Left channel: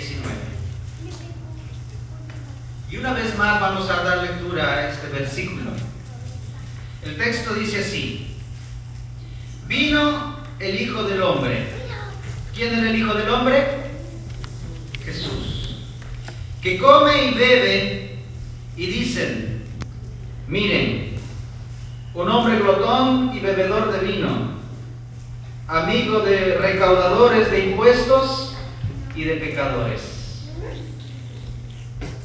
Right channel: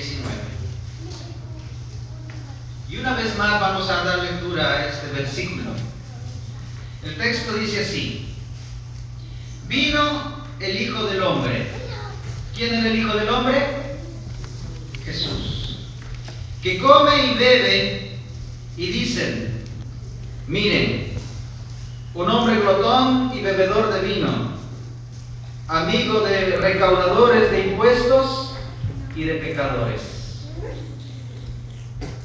19. Y una vez más vamos a dar lectura a este versículo. El texto dice así: vino el Hijo del Hombre. ¿Quién era el Hijo del Hombre? Jesús. Que come y bebe y dicen: miren, un hombre glotón y bebedor de vino, amigo de recaudadores de impuestos y de pecadores.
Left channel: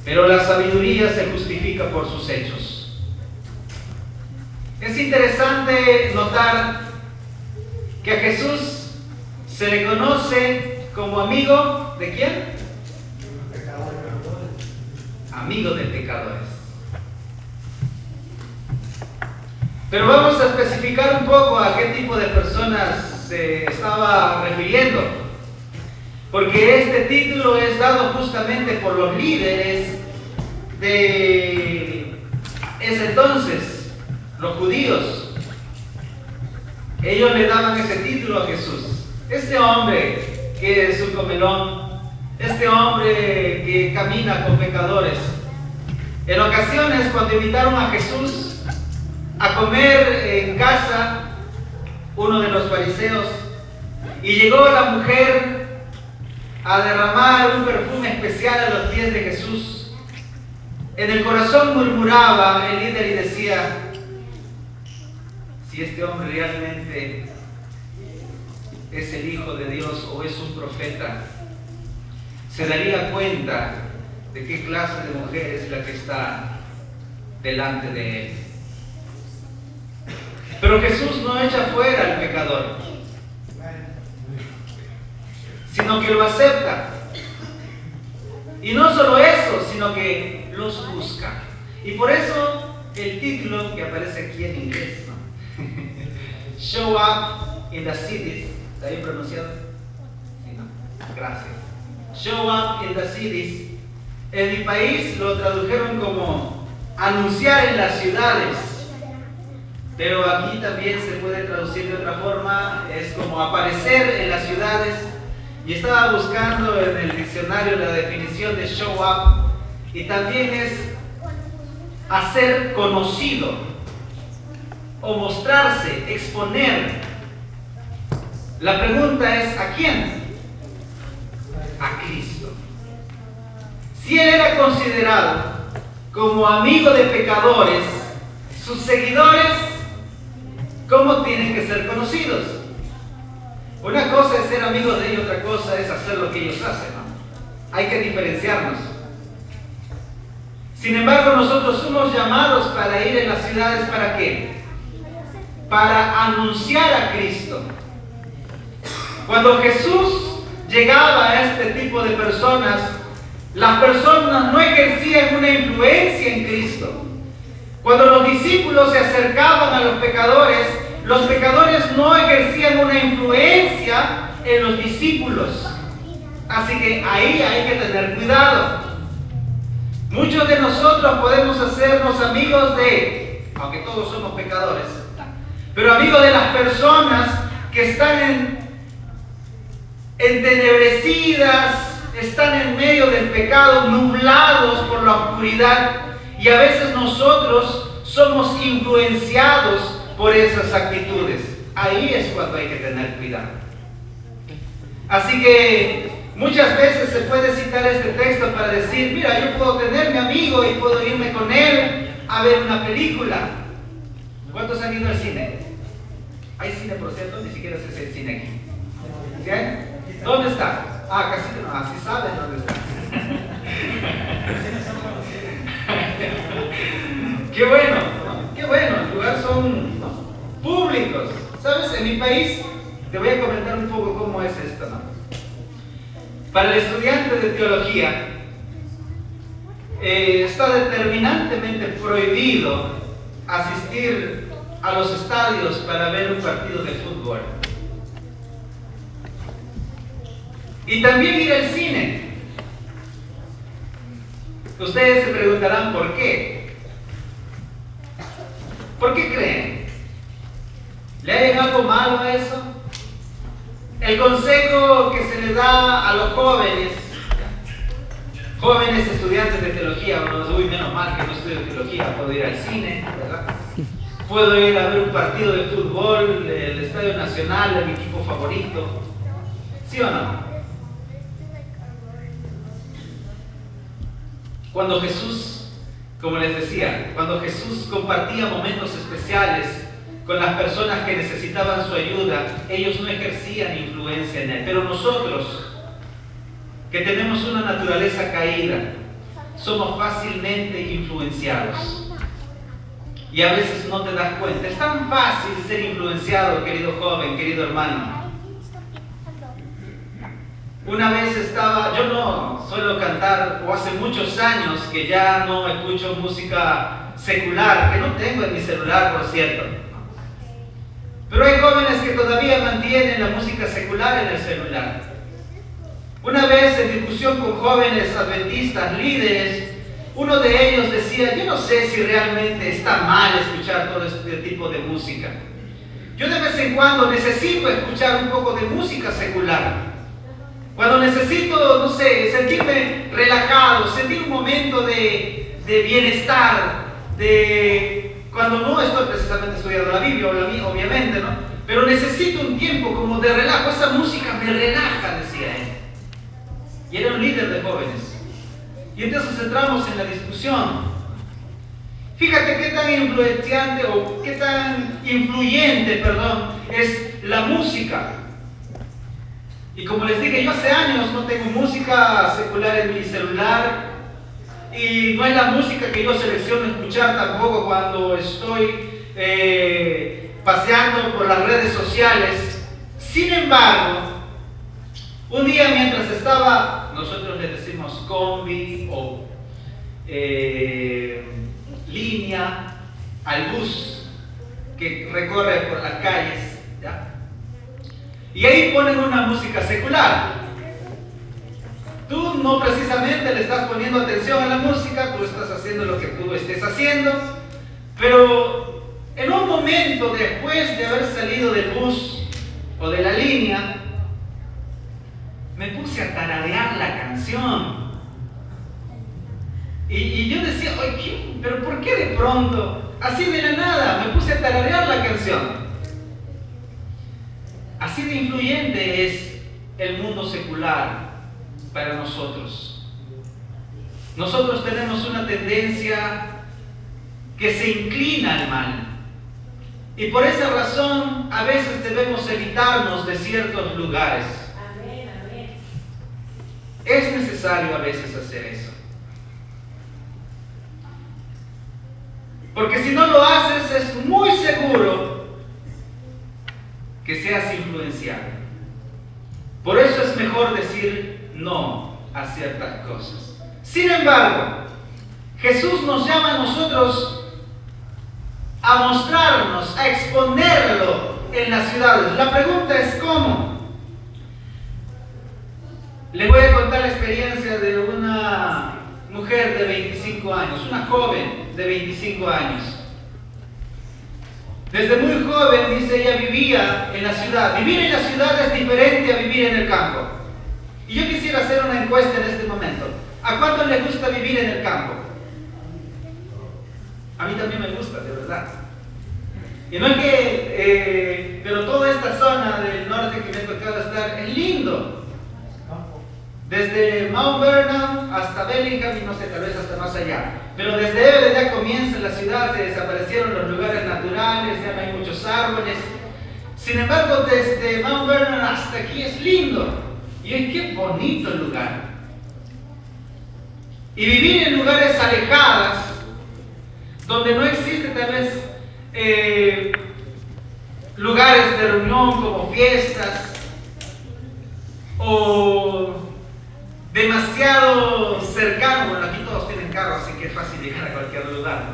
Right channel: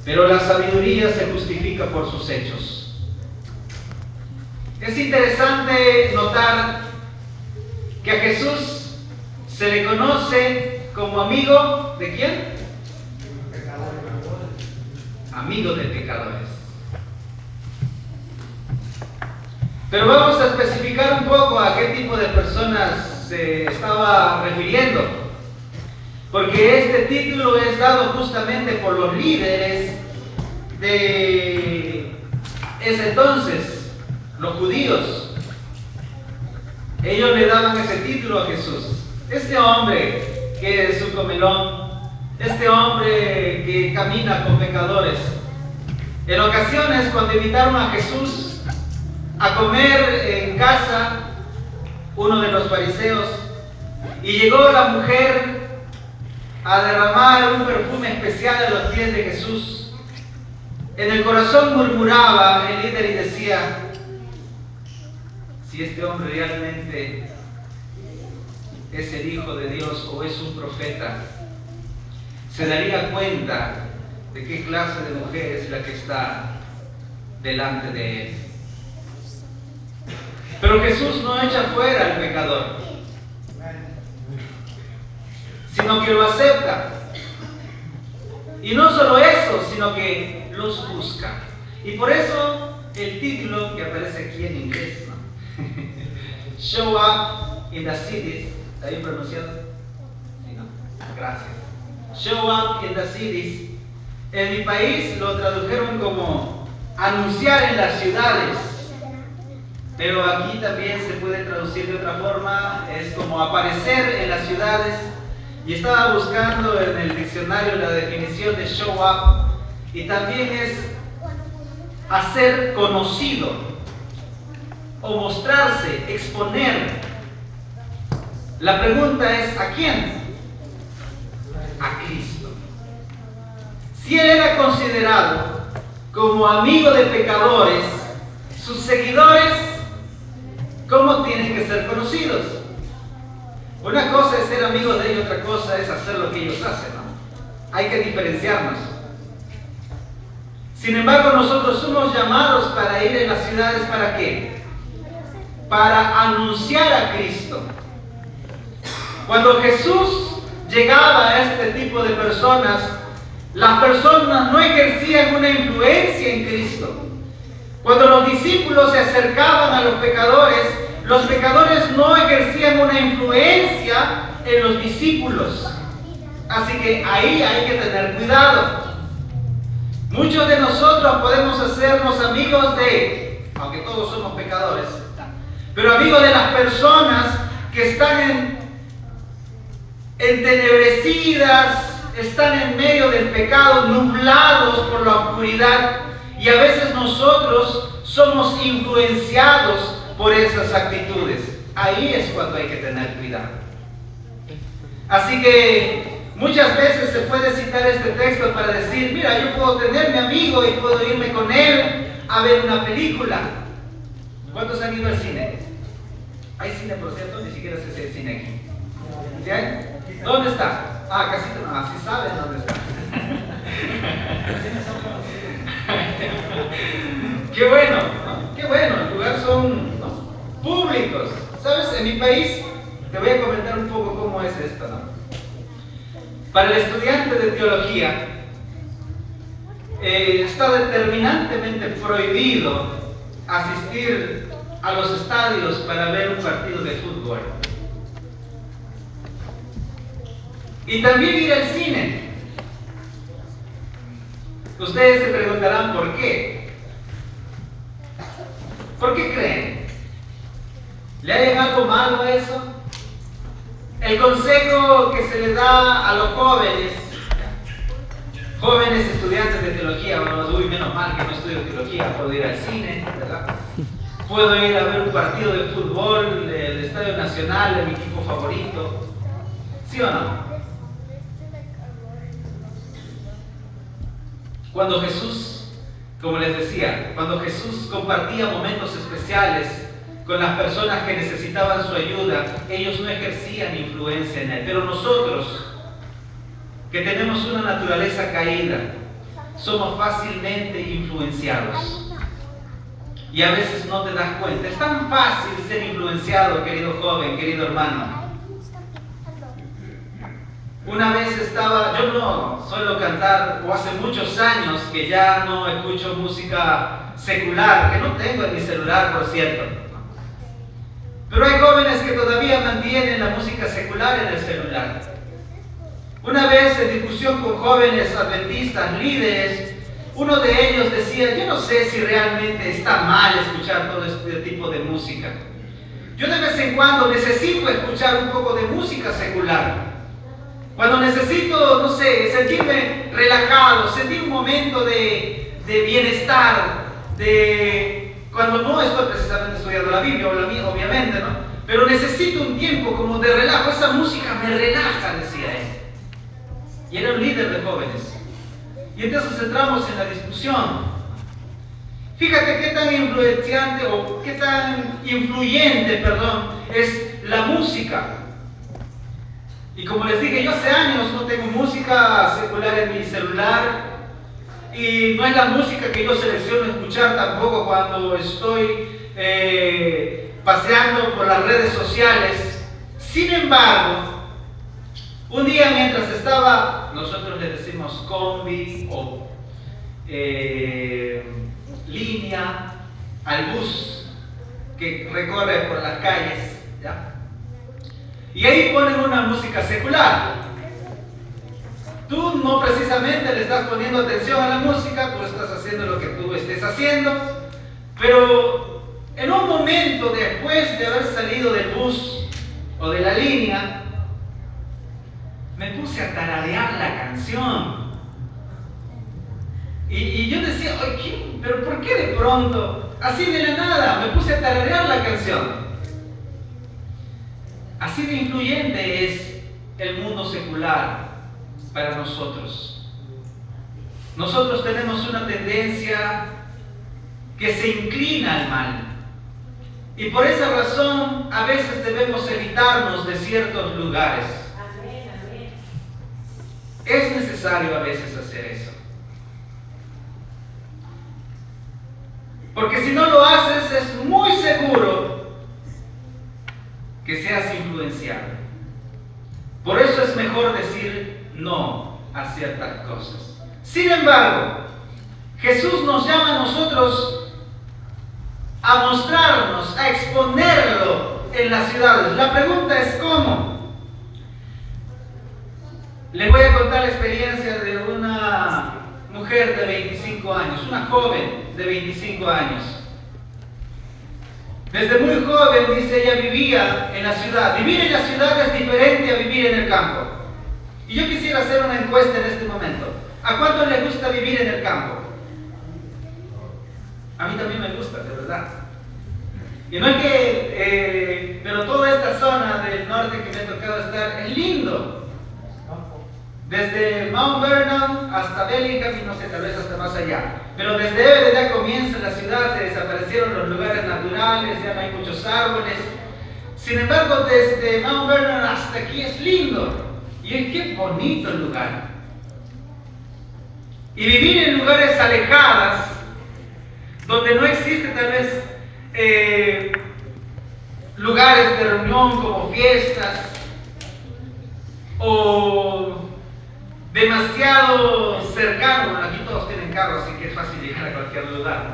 Pero la sabiduría se justifica por sus hechos. Es interesante notar que a Jesús se le conoce como amigo ¿de quién? Amigo de pecadores. Pero vamos a especificar un poco a qué tipo de personas se estaba refiriendo. Porque este título es dado justamente por los líderes de ese entonces, los judíos. Ellos le daban ese título a Jesús. Este hombre que es un comelón, este hombre que camina con pecadores. En ocasiones, cuando invitaron a Jesús a comer en casa, uno de los fariseos, y llegó la mujer a derramar un perfume especial a los pies de Jesús, en el corazón murmuraba el líder y decía: si este hombre realmente es el Hijo de Dios o es un profeta, se daría cuenta de qué clase de mujer es la que está delante de él. Pero Jesús no echa fuera al pecador, sino que lo acepta. Y no solo eso, sino que los busca. Y por eso el título que aparece aquí en inglés, ¿no? Show up in the cities. ¿Está bien pronunciado? Sí, ¿no? Gracias. Show up in the cities. En mi país lo tradujeron como anunciar en las ciudades. Pero aquí también se puede traducir de otra forma, es como aparecer en las ciudades. Y estaba buscando en el diccionario la definición de show up, y también es hacer conocido, o mostrarse, exponer. La pregunta es: ¿a quién? A Cristo. Si Él era considerado como amigo de pecadores, sus seguidores, ¿cómo tienen que ser conocidos? Una cosa es ser amigos de ellos, otra cosa es hacer lo que ellos hacen, ¿no? Hay que diferenciarnos. Sin embargo, nosotros somos llamados para ir en las ciudades, ¿para qué? Para anunciar a Cristo. Cuando Jesús llegaba a este tipo de personas, las personas no ejercían una influencia en Cristo. Cuando los discípulos se acercaban a los pecadores no ejercían una influencia en los discípulos. Así que ahí hay que tener cuidado. Muchos de nosotros podemos hacernos amigos de, aunque todos somos pecadores, pero amigos de las personas que están entenebrecidas, están en medio del pecado, nublados por la oscuridad, y a veces nosotros somos influenciados por esas actitudes. Ahí es cuando hay que tener cuidado. Así que muchas veces se puede citar este texto para decir: mira, yo puedo tener mi amigo y puedo irme con él a ver una película. ¿Cuántos han ido al cine? Hay cine, por cierto, ni siquiera sé si hay cine aquí. ¿Bien? ¿Dónde está? Ah, casi no, así saben dónde está. Qué bueno, ¿no? Qué bueno, el lugar son, ¿no?, públicos. ¿Sabes? En mi país, te voy a comentar un poco cómo es esto, ¿no? Para el estudiante de teología, está determinantemente prohibido asistir a los estadios para ver un partido de fútbol. Y también ir al cine. Ustedes se preguntarán por qué. ¿Por qué creen? ¿Le hay algo malo a eso? El consejo que se le da a los jóvenes Jóvenes estudiantes de teología, bueno, uy, menos mal que no estudio teología, puedo ir al cine, ¿verdad? Puedo ir a ver un partido de fútbol, el Estadio Nacional, de mi equipo favorito. ¿Sí o no? Cuando Jesús, como les decía, cuando Jesús compartía momentos especiales con las personas que necesitaban su ayuda, ellos no ejercían influencia en él. Pero nosotros, que tenemos una naturaleza caída, somos fácilmente influenciados. Y a veces no te das cuenta. Es tan fácil ser influenciado, querido joven, querido hermano. Una vez yo no suelo cantar, o hace muchos años que ya no escucho música secular, que no tengo en mi celular, por cierto. Pero hay jóvenes que todavía mantienen la música secular en el celular. Una vez en discusión con jóvenes adventistas, líderes, uno de ellos decía, yo no sé si realmente está mal escuchar todo este tipo de música. Yo de vez en cuando necesito escuchar un poco de música secular. Cuando necesito, no sé, sentirme relajado, sentir un momento de bienestar, cuando no estoy precisamente estudiando la Biblia, obviamente, ¿no? Pero necesito un tiempo como de relajo. Esa música me relaja, decía él. Y era un líder de jóvenes. Y entonces entramos en la discusión. Fíjate qué tan influyente, es la música. Y como les dije, yo hace años no tengo música secular en mi celular. Y no es la música que yo selecciono escuchar tampoco cuando estoy paseando por las redes sociales. Sin embargo, un día mientras estaba, nosotros le decimos combi o línea al bus que recorre por las calles, ¿ya? Y ahí ponen una música secular. Tú no precisamente le estás poniendo atención a la música, tú estás haciendo lo que tú estés haciendo, pero en un momento después de haber salido del bus o de la línea, me puse a tararear la canción. Y yo decía, oye, ¿pero por qué de pronto, así de la nada, me puse a tararear la canción? Así de influyente es el mundo secular para nosotros. Nosotros tenemos una tendencia que se inclina al mal. Y por esa razón, a veces debemos evitarnos de ciertos lugares. Es necesario a veces hacer eso. Porque si no lo haces, es muy seguro que seas influenciado. Por eso es mejor decir no a ciertas cosas. Sin embargo, Jesús nos llama a nosotros a mostrarnos, a exponerlo en las ciudades. La pregunta es ¿cómo? Les voy a contar la experiencia de una mujer de 25 años, una joven de 25 años. Desde muy joven, dice ella, vivía en la ciudad. Vivir en la ciudad es diferente a vivir en el campo. Y yo quisiera hacer una encuesta en este momento. ¿A cuántos les gusta vivir en el campo? A mí también me gusta, de verdad. Y no es que, pero toda esta zona del norte que me ha tocado estar es lindo. Desde Mount Vernon hasta Bellingham y no sé, tal vez hasta más allá. Pero desde Everett ya comienza la ciudad, se desaparecieron los lugares naturales, ya no hay muchos árboles. Sin embargo, desde Mount Vernon hasta aquí es lindo. Y es que bonito el lugar. Y vivir en lugares alejados, donde no existe tal vez lugares de reunión como fiestas o demasiado cercano, bueno, aquí todos tienen carro, así que es fácil llegar a cualquier lugar,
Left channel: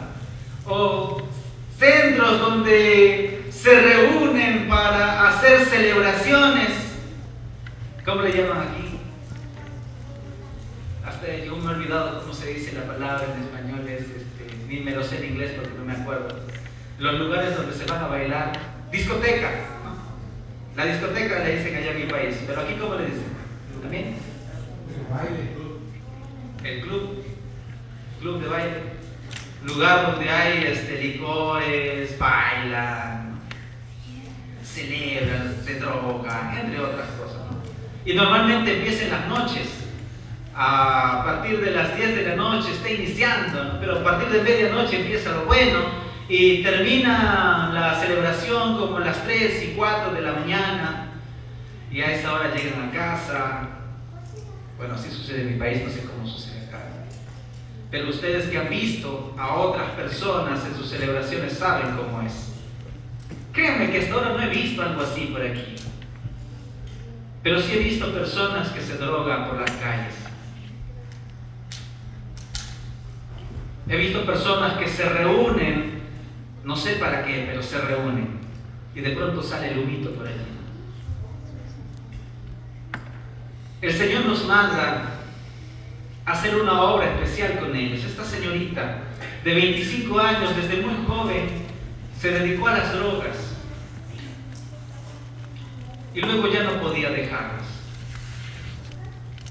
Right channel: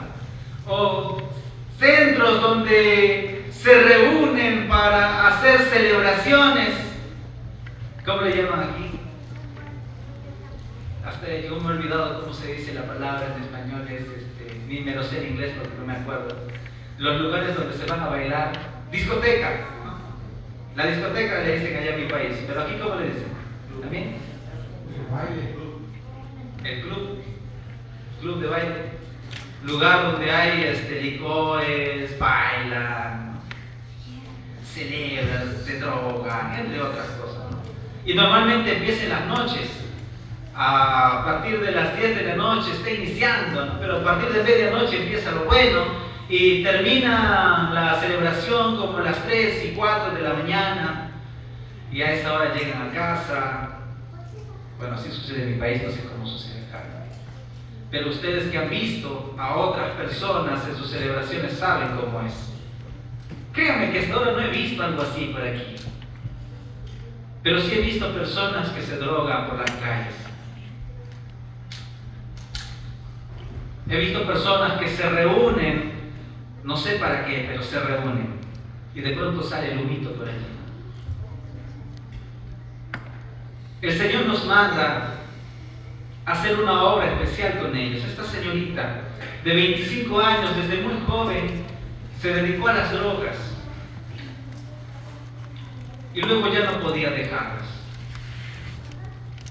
¿no? O centros donde se reúnen para hacer celebraciones, ¿cómo le llaman aquí? Hasta yo me he olvidado cómo se dice la palabra en español, ni me lo sé en inglés porque no me acuerdo. Los lugares donde se van a bailar, discoteca, ¿no? La discoteca le dicen allá en mi país, pero aquí ¿cómo le dicen? ¿También? El club club de baile, lugar donde hay licores, bailan, celebran, se drogan, entre otras cosas, ¿no? Y normalmente empieza en las noches, a partir de las 10 de la noche está iniciando, ¿no? Pero a partir de medianoche empieza lo bueno y termina la celebración como a las 3 y 4 de la mañana, y a esa hora llegan a casa. Bueno, así sucede en mi país, no sé cómo sucede acá. Pero ustedes que han visto a otras personas en sus celebraciones saben cómo es. Créanme que hasta ahora no he visto algo así por aquí. Pero sí he visto personas que se drogan por las calles. He visto personas que se reúnen, no sé para qué, pero se reúnen. Y de pronto sale el humito por allí. El Señor nos manda a hacer una obra especial con ellos. Esta señorita de 25 años, desde muy joven, se dedicó a las drogas. Y luego ya no podía dejarlas.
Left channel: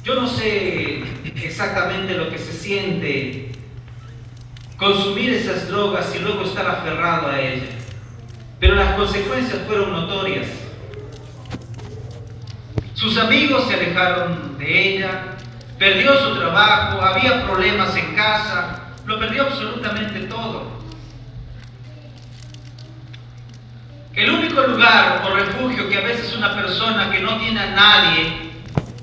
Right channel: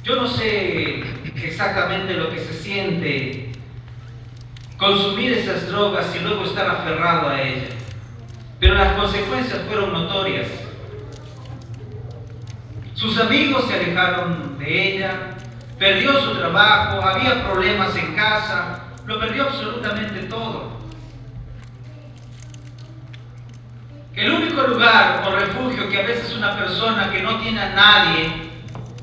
Yo no sé exactamente lo que se siente consumir esas drogas y luego estar aferrado a ellas. Pero las consecuencias fueron notorias. Sus amigos se alejaron de ella, perdió su trabajo, había problemas en casa, lo perdió absolutamente todo. El único lugar o refugio que a veces una persona que no tiene a nadie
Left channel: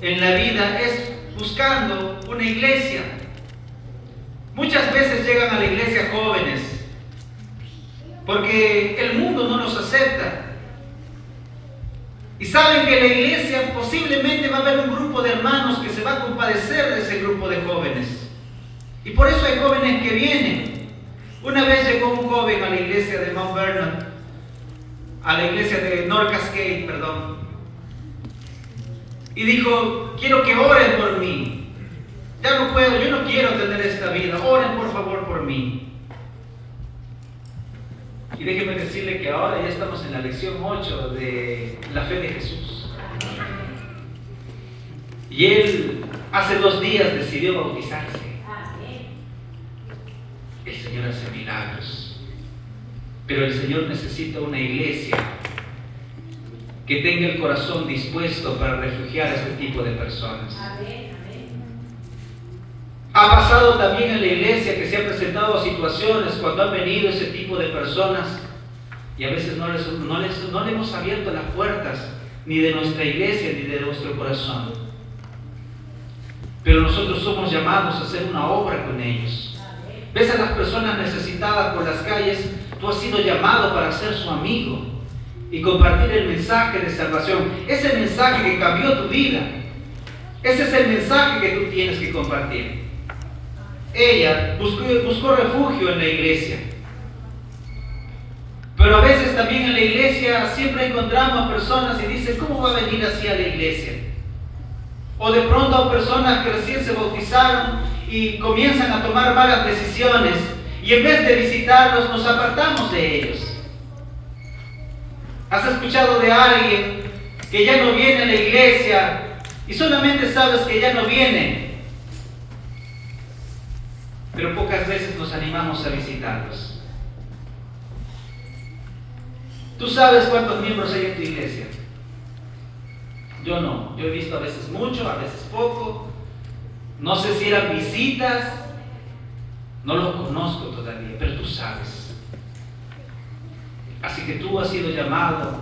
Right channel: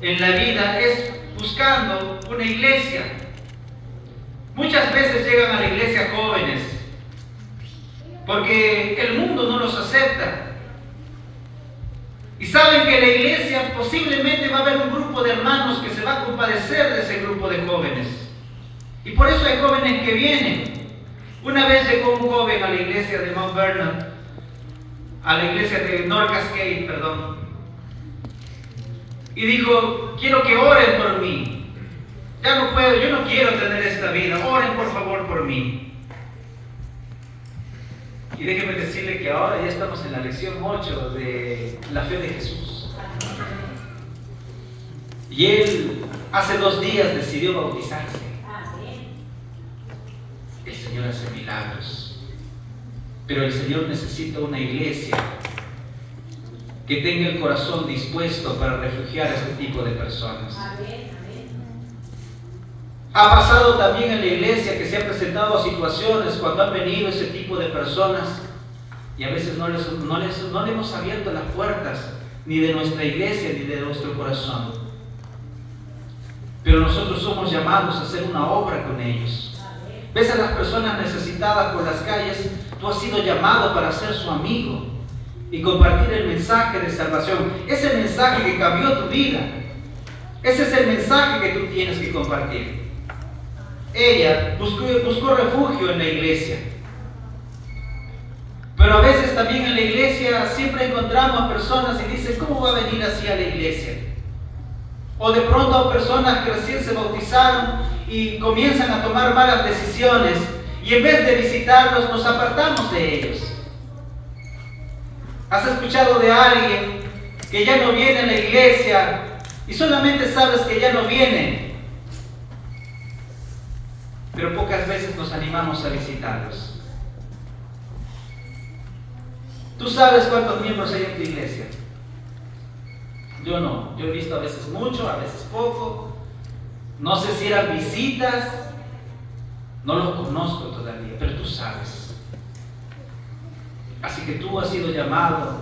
en la vida es buscando una iglesia. Muchas veces llegan a la iglesia jóvenes porque el mundo no los acepta. Y saben que en la iglesia posiblemente va a haber un grupo de hermanos que se va a compadecer de ese grupo de jóvenes. Y por eso hay jóvenes que vienen. Una vez llegó un joven a la iglesia de Mount Vernon, a la iglesia de North Cascade, perdón, y dijo: quiero que oren por mí. Ya no puedo, yo no quiero tener esta vida. Oren por favor por mí. Y déjeme decirle que ahora ya estamos en la lección 8 de la fe de Jesús. Y él hace 2 días decidió bautizarse. El Señor hace milagros. Pero el Señor necesita una iglesia que tenga el corazón dispuesto para refugiar a este tipo de personas. Ha pasado también en la iglesia que se han presentado situaciones cuando han venido ese tipo de personas y a veces no le hemos abierto las puertas ni de nuestra iglesia ni de nuestro corazón. Pero nosotros somos llamados a hacer una obra con ellos. Ves a las personas necesitadas por las calles, tú has sido llamado para ser su amigo y compartir el mensaje de salvación. Es el mensaje que cambió tu vida. Ese es el mensaje que tú tienes que compartir. Ella buscó refugio en la iglesia. Pero a veces también en la iglesia siempre encontramos personas y dicen: ¿cómo va a venir así a la iglesia? O de pronto a personas que recién se bautizaron y comienzan a tomar malas decisiones y en vez de visitarlos nos apartamos de ellos. ¿Has escuchado de alguien que ya no viene a la iglesia y solamente sabes que ya no viene? Pero pocas veces nos animamos a visitarlos. ¿Tú sabes cuántos miembros hay en tu iglesia? Yo no. Yo he visto a veces mucho, a veces poco. No sé si eran visitas. No lo conozco todavía, pero tú sabes. Así que tú has sido llamado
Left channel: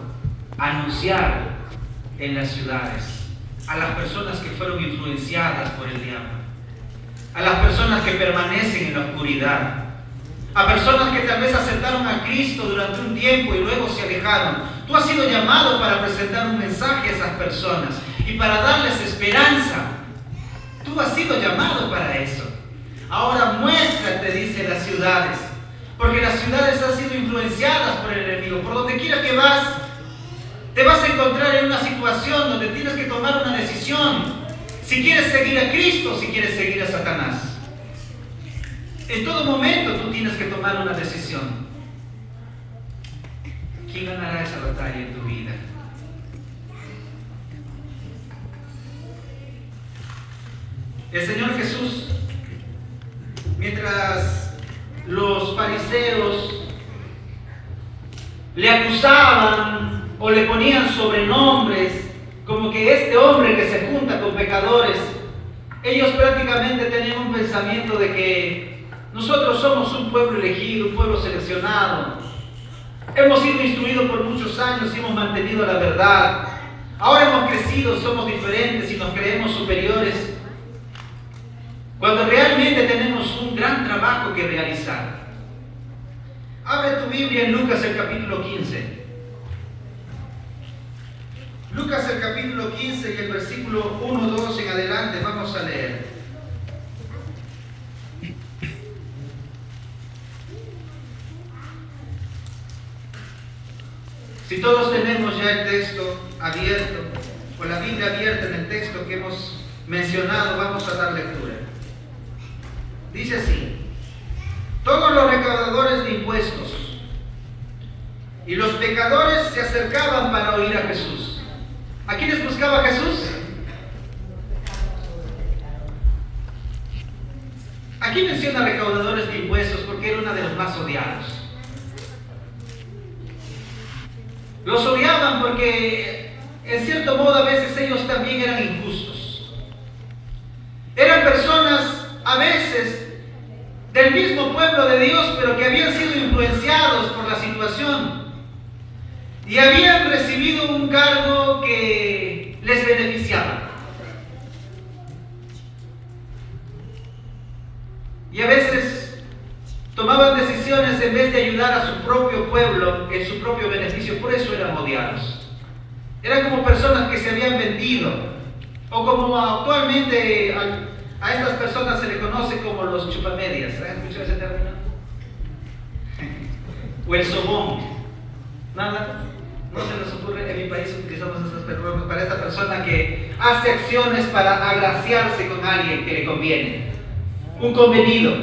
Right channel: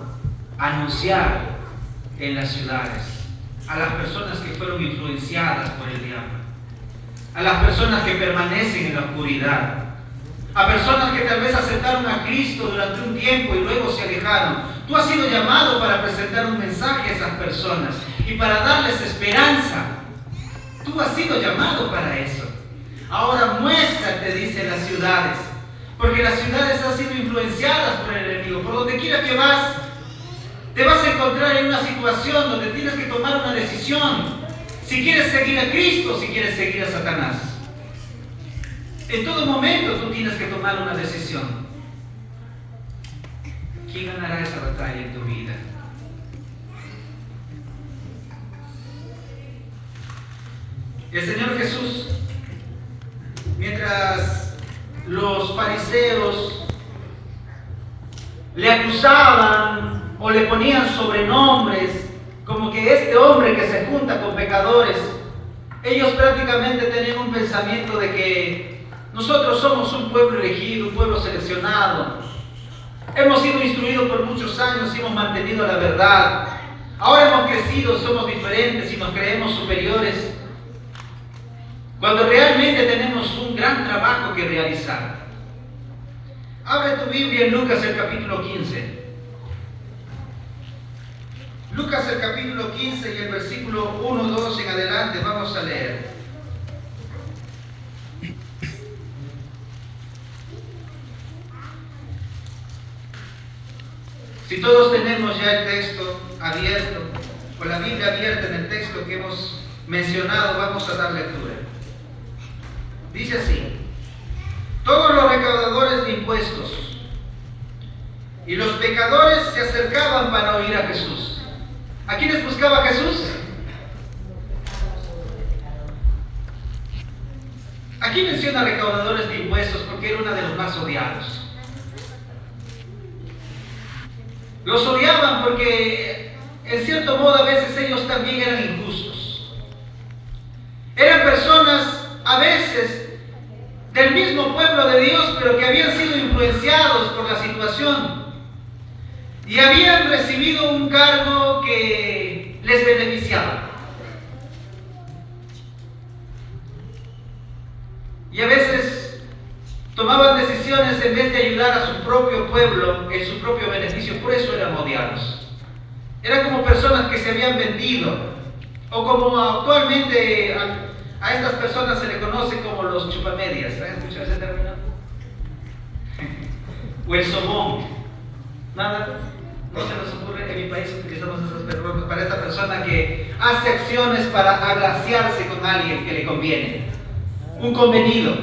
a anunciar en las ciudades a las personas que fueron influenciadas por el diablo, a las personas que permanecen en la oscuridad, a personas que tal vez aceptaron a Cristo durante un tiempo y luego se alejaron. Tú has sido llamado para presentar un mensaje a esas personas y para darles esperanza. Tú has sido llamado para eso. Ahora muéstrate, dice, las ciudades, porque las ciudades han sido influenciadas por el enemigo. Por donde quiera que vas, te vas a encontrar en una situación donde tienes que tomar una decisión. Si quieres seguir a Cristo o si quieres seguir a Satanás. En todo momento tú tienes que tomar una decisión. ¿Quién ganará esa batalla en tu vida? El Señor Jesús, mientras los fariseos le acusaban o le ponían sobrenombres, como que este hombre que se junta con pecadores, ellos prácticamente tenían un pensamiento de que nosotros somos un pueblo elegido, un pueblo seleccionado. Hemos sido instruidos por muchos años y hemos mantenido la verdad. Ahora hemos crecido, somos diferentes y nos creemos superiores, cuando realmente tenemos un gran trabajo que realizar. Abre tu Biblia en Lucas el capítulo 15. Lucas el capítulo 15 y el versículo 1, 2 en adelante vamos a leer. Si todos tenemos ya el texto abierto, o la Biblia abierta en el texto que hemos mencionado, vamos a dar lectura. Dice así: todos los recaudadores de impuestos y los pecadores se acercaban para oír a Jesús. ¿A quiénes buscaba Jesús? Aquí menciona recaudadores de impuestos porque era uno de los más odiados. Los odiaban porque, en cierto modo, a veces ellos también eran injustos. Eran personas, a veces, del mismo pueblo de Dios, pero que habían sido influenciados por la situación y habían recibido un cargo que les beneficiaba. Y a veces tomaban decisiones en vez de ayudar a su propio pueblo en su propio beneficio, por eso eran odiados. Eran como personas que se habían vendido, o como actualmente a estas personas se le conoce como los chupamedias. ¿Han escuchado ese término? O el sobón. ¿Nada? No se nos ocurre. En mi país utilizamos esas personas para esta persona que hace acciones para agraciarse con alguien que le conviene. Un convenido.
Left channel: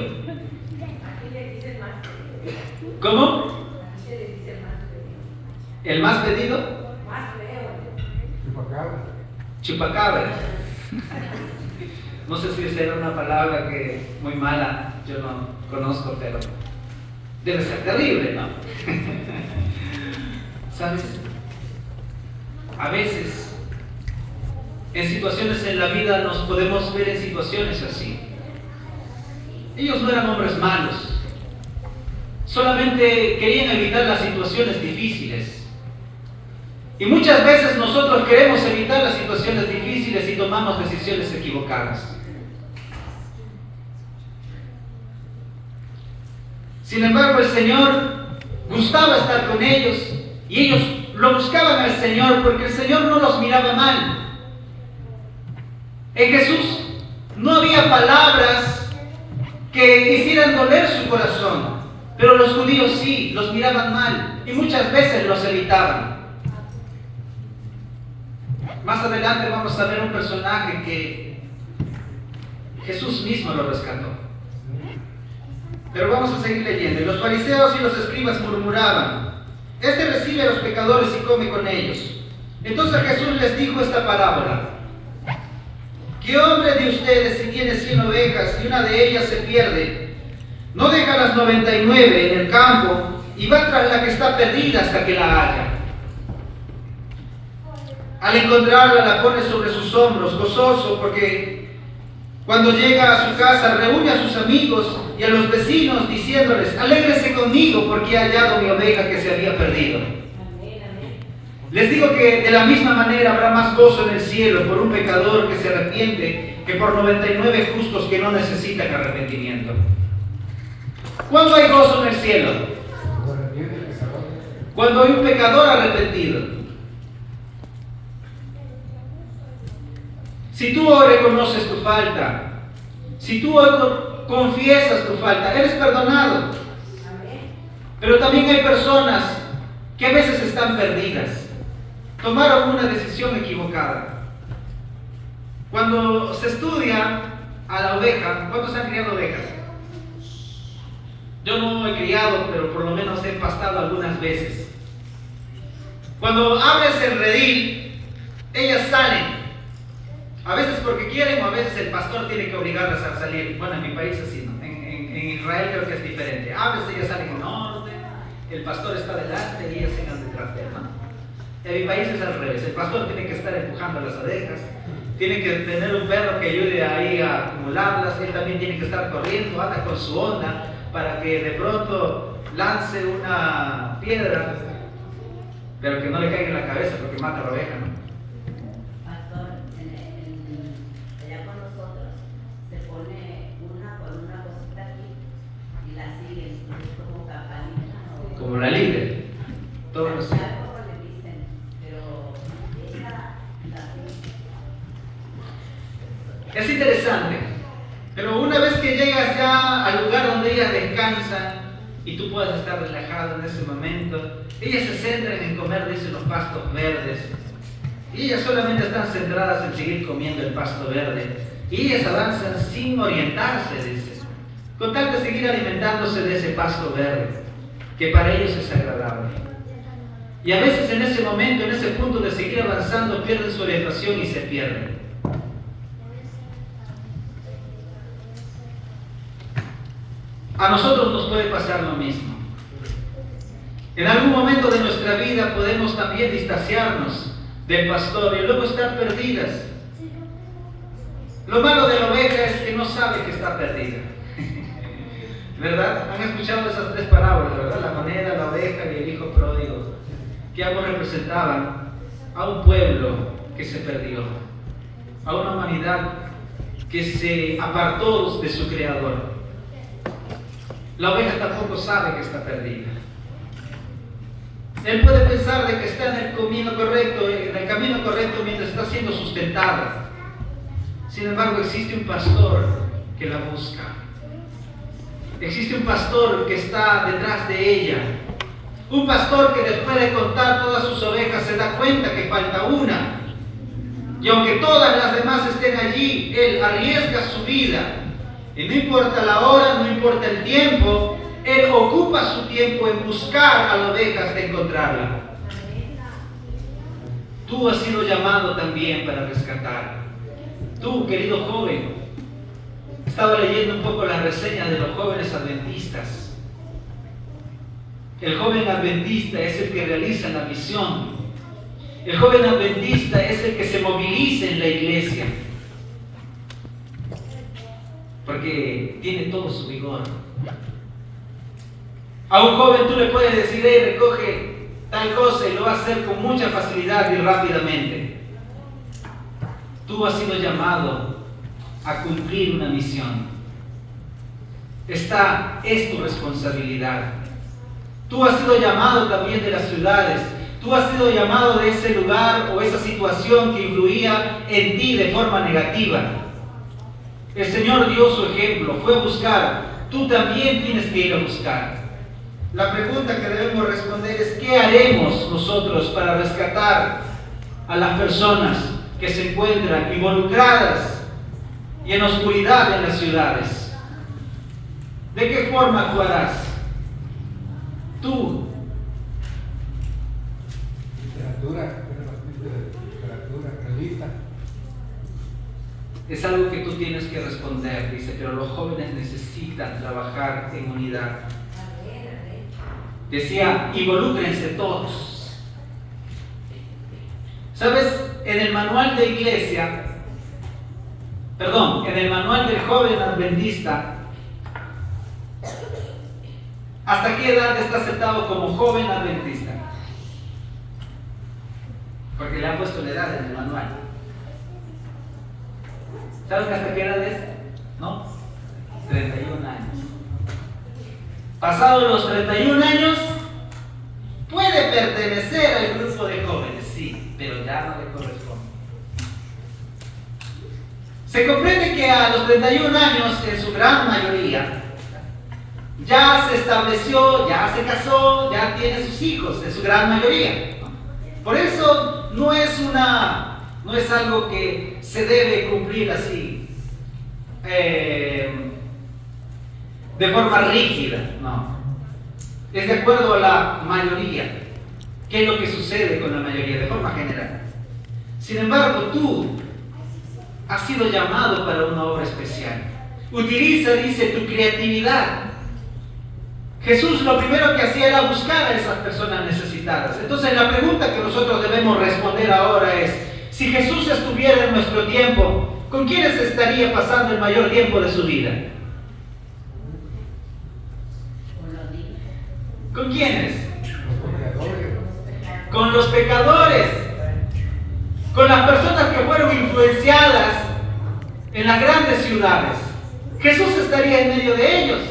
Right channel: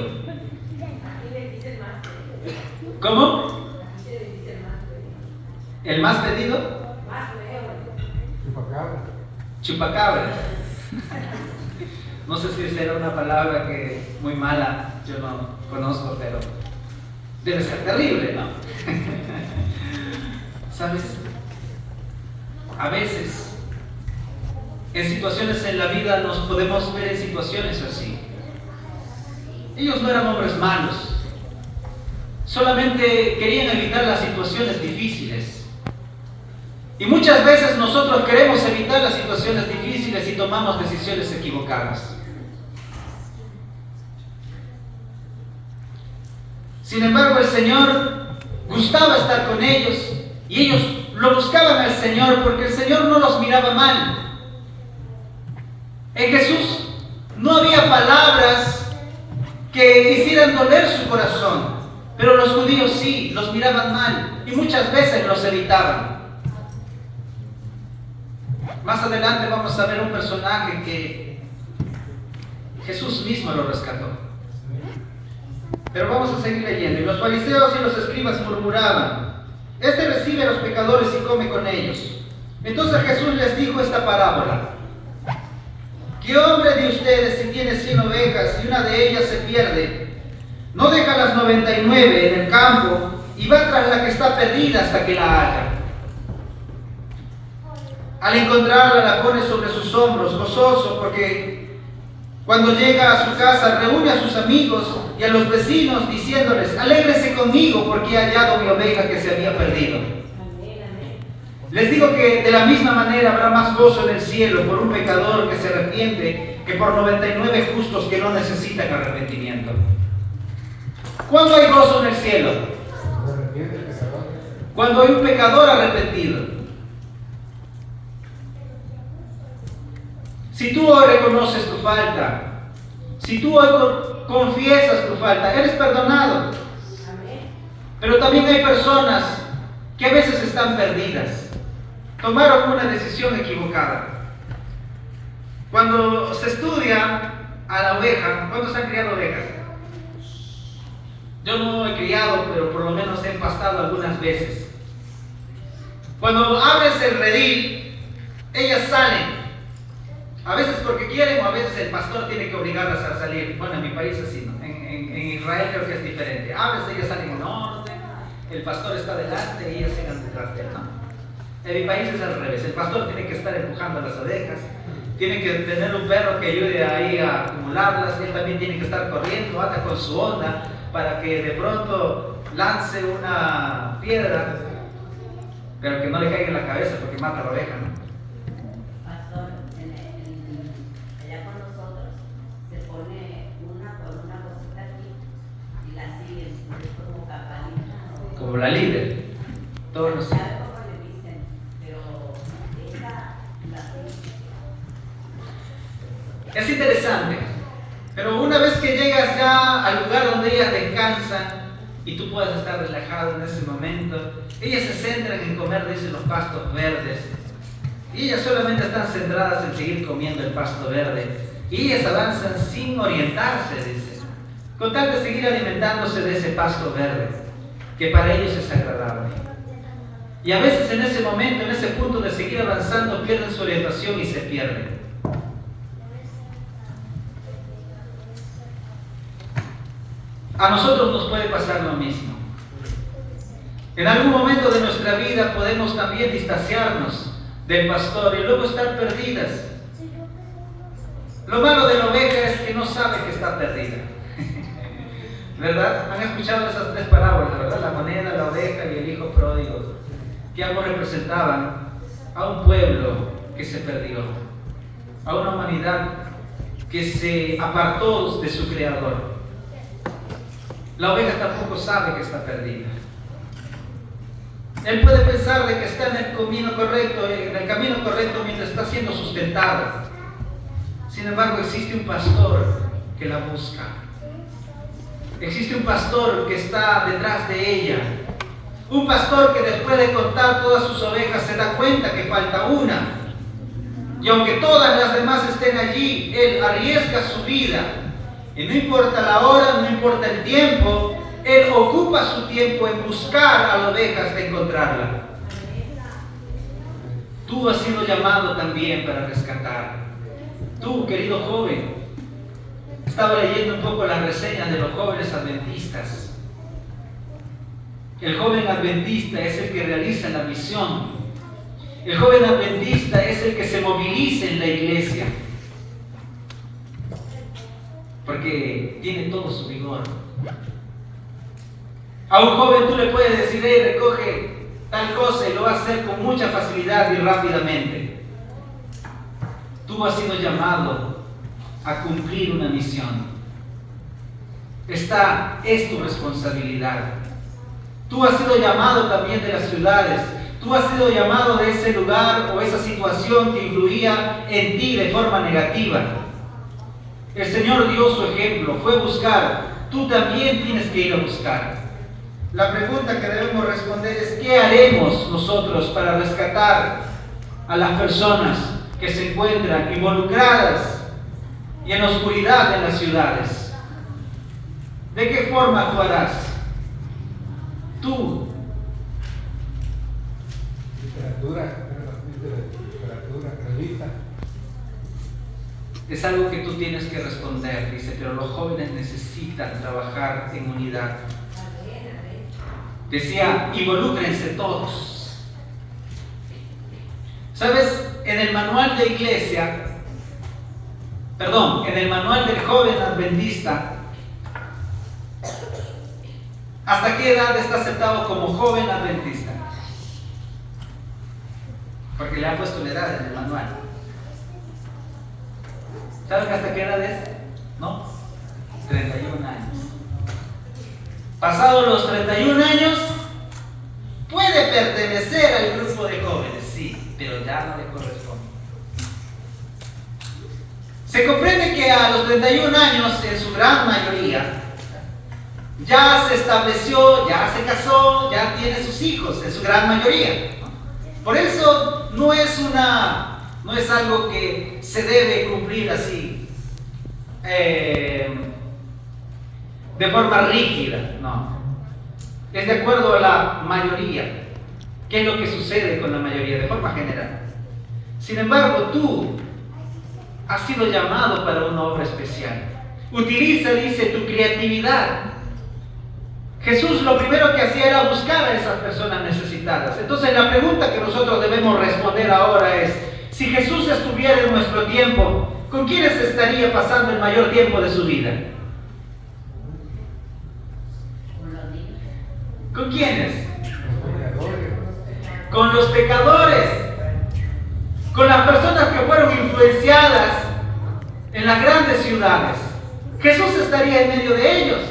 ¿Cómo? ¿El más pedido? Chupacabra. No sé si esa era una palabra que muy mala, yo no conozco, pero debe ser terrible, ¿no? ¿Sabes? A veces, en situaciones en la vida nos podemos ver en situaciones así. Ellos no eran hombres malos. Solamente querían evitar las situaciones difíciles. Y muchas veces nosotros queremos evitar las situaciones difíciles y tomamos decisiones equivocadas. Sin embargo, el Señor gustaba estar con ellos y ellos lo buscaban al Señor porque el Señor no los miraba mal. En Jesús no había palabras que hicieran doler su corazón. Pero los judíos sí, los miraban mal y muchas veces los evitaban. Más adelante vamos a ver un personaje que Jesús mismo lo rescató. Pero vamos a seguir leyendo. Y los fariseos y los escribas murmuraban: este recibe a los pecadores y come con ellos. Entonces Jesús les dijo esta parábola: ¿qué hombre de ustedes, si tiene 100 ovejas y una de ellas se pierde, no deja las 99 en el campo y va tras la que está perdida hasta que la haya? Al encontrarla la pone sobre sus hombros, gozoso, porque cuando llega a su casa reúne a sus amigos y a los vecinos diciéndoles: alégrese conmigo porque he hallado mi oveja que se había perdido. Les digo que de la misma manera habrá más gozo en el cielo por un pecador que se arrepiente que por 99 justos que no necesitan arrepentimiento. ¿Cuándo hay gozo en el cielo? Cuando hay un pecador arrepentido. Si tú hoy reconoces tu falta, si tú hoy confiesas tu falta, eres perdonado. Pero también hay personas que a veces están perdidas. Tomaron una decisión equivocada. Cuando se estudia a la oveja, ¿cuántos han criado ovejas? Yo no he criado, pero por lo menos he pastado algunas veces. Cuando abres el redil, ellas salen A veces porque quieren o a veces el pastor tiene que obligarlas a salir. Bueno, en mi país así, ¿no? En Israel creo que es diferente. A veces ellas salen en orden, el pastor está delante y ellas sigan detrás de él, ¿no? En mi país es al revés. El pastor tiene que estar empujando las ovejas, tiene que tener un perro que ayude ahí a acumularlas, él también tiene que estar corriendo, anda con su onda para que de pronto lance una piedra, pero que no le caiga en la cabeza porque mata a la oveja, ¿no? Pastor, allá con nosotros se pone una con una cosita aquí y la siguen, es como campanita. Como la líder. Todos los... Es interesante, pero una vez que llegas ya al lugar donde ellas descansan y tú puedas estar relajado en ese momento, ellas se centran en comer, dicen, los pastos verdes, y ellas solamente están centradas en seguir comiendo el pasto verde, y ellas avanzan sin orientarse, dicen, con tal de seguir alimentándose de ese pasto verde, que para ellos es agradable. Y a veces en ese momento, en ese punto de seguir avanzando, pierden su orientación y se pierden. A nosotros nos puede pasar lo mismo. En algún momento de nuestra vida podemos también distanciarnos del pastor y luego estar perdidas. Lo malo de la oveja es que no sabe que está perdida. ¿Verdad? Han escuchado esas tres parábolas, ¿verdad? La moneda, la oveja y el hijo pródigo, que ambos representaban a un pueblo que se perdió, a una humanidad que se apartó de su creador. La oveja tampoco sabe que está perdida. Él puede pensar de que está en el camino correcto mientras está siendo sustentada. Sin embargo, existe un pastor que la busca. Existe un pastor que está detrás de ella. Un pastor que después de contar todas sus ovejas se da cuenta que falta una. Y aunque todas las demás estén allí, él arriesga su vida. Y no importa la hora, no importa el tiempo, él ocupa su tiempo en buscar a la oveja hasta encontrarla. Tú has sido llamado también para rescatar. Tú, querido joven, estaba leyendo un poco las reseñas de los jóvenes adventistas. El joven adventista es el que realiza la misión. El joven adventista es el que se moviliza en la iglesia, porque tiene todo su vigor. A un joven tú le puedes decir, recoge tal cosa, y lo va a hacer con mucha facilidad y rápidamente. Tú has sido llamado a cumplir una misión. Esta es tu responsabilidad. Tú has sido llamado también de las ciudades. Tú has sido llamado de ese lugar o esa situación que influía en ti de forma negativa. El Señor dio su ejemplo, fue a buscar. Tú también tienes que ir a buscar. La pregunta que debemos responder es: ¿qué haremos nosotros para rescatar a las personas que se encuentran involucradas y en oscuridad en las ciudades? ¿De qué forma actuarás? Tú. Literatura revista. Es algo que tú tienes que responder, dice, pero los jóvenes necesitan trabajar en unidad. Decía, involúcrense todos. ¿Sabes? En el manual de iglesia, en el manual del joven adventista, ¿hasta qué edad está aceptado como joven adventista? Porque le han puesto una edad en el manual. ¿Saben hasta qué edad es? ¿No? 31 años. Pasados los 31 años, puede pertenecer al grupo de jóvenes, sí, pero ya no le corresponde. Se comprende que a los 31 años, en su gran mayoría, ya se estableció, ya se casó, ya tiene sus hijos, en su gran mayoría. Por eso no es algo que se debe cumplir así, de forma rígida, no. Es de acuerdo a la mayoría. ¿Qué es lo que sucede con la mayoría? De forma general. Sin embargo, tú has sido llamado para una obra especial. Utiliza, dice, tu creatividad. Jesús lo primero que hacía era buscar a esas personas necesitadas. Entonces la pregunta que nosotros debemos responder ahora es, si Jesús estuviera en nuestro tiempo, ¿con quiénes estaría pasando el mayor tiempo de su vida? ¿Con quiénes? Con los pecadores. Con las personas que fueron influenciadas en las grandes ciudades. Jesús estaría en medio de ellos.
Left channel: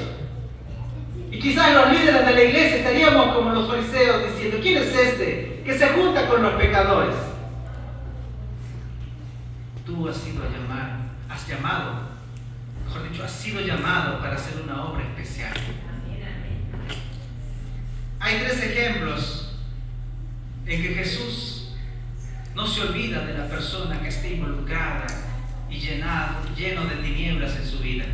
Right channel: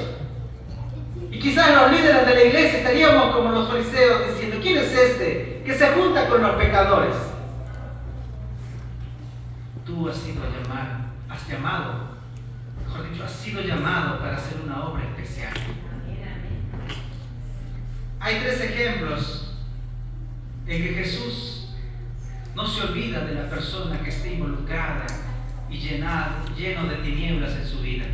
Y quizás los líderes de la iglesia estaríamos como los fariseos diciendo, ¿quién es este que se junta con los pecadores? Tú has sido llamado para hacer una obra especial. Hay 3 ejemplos en que Jesús no se olvida de la persona que esté involucrada y lleno de tinieblas en su vida.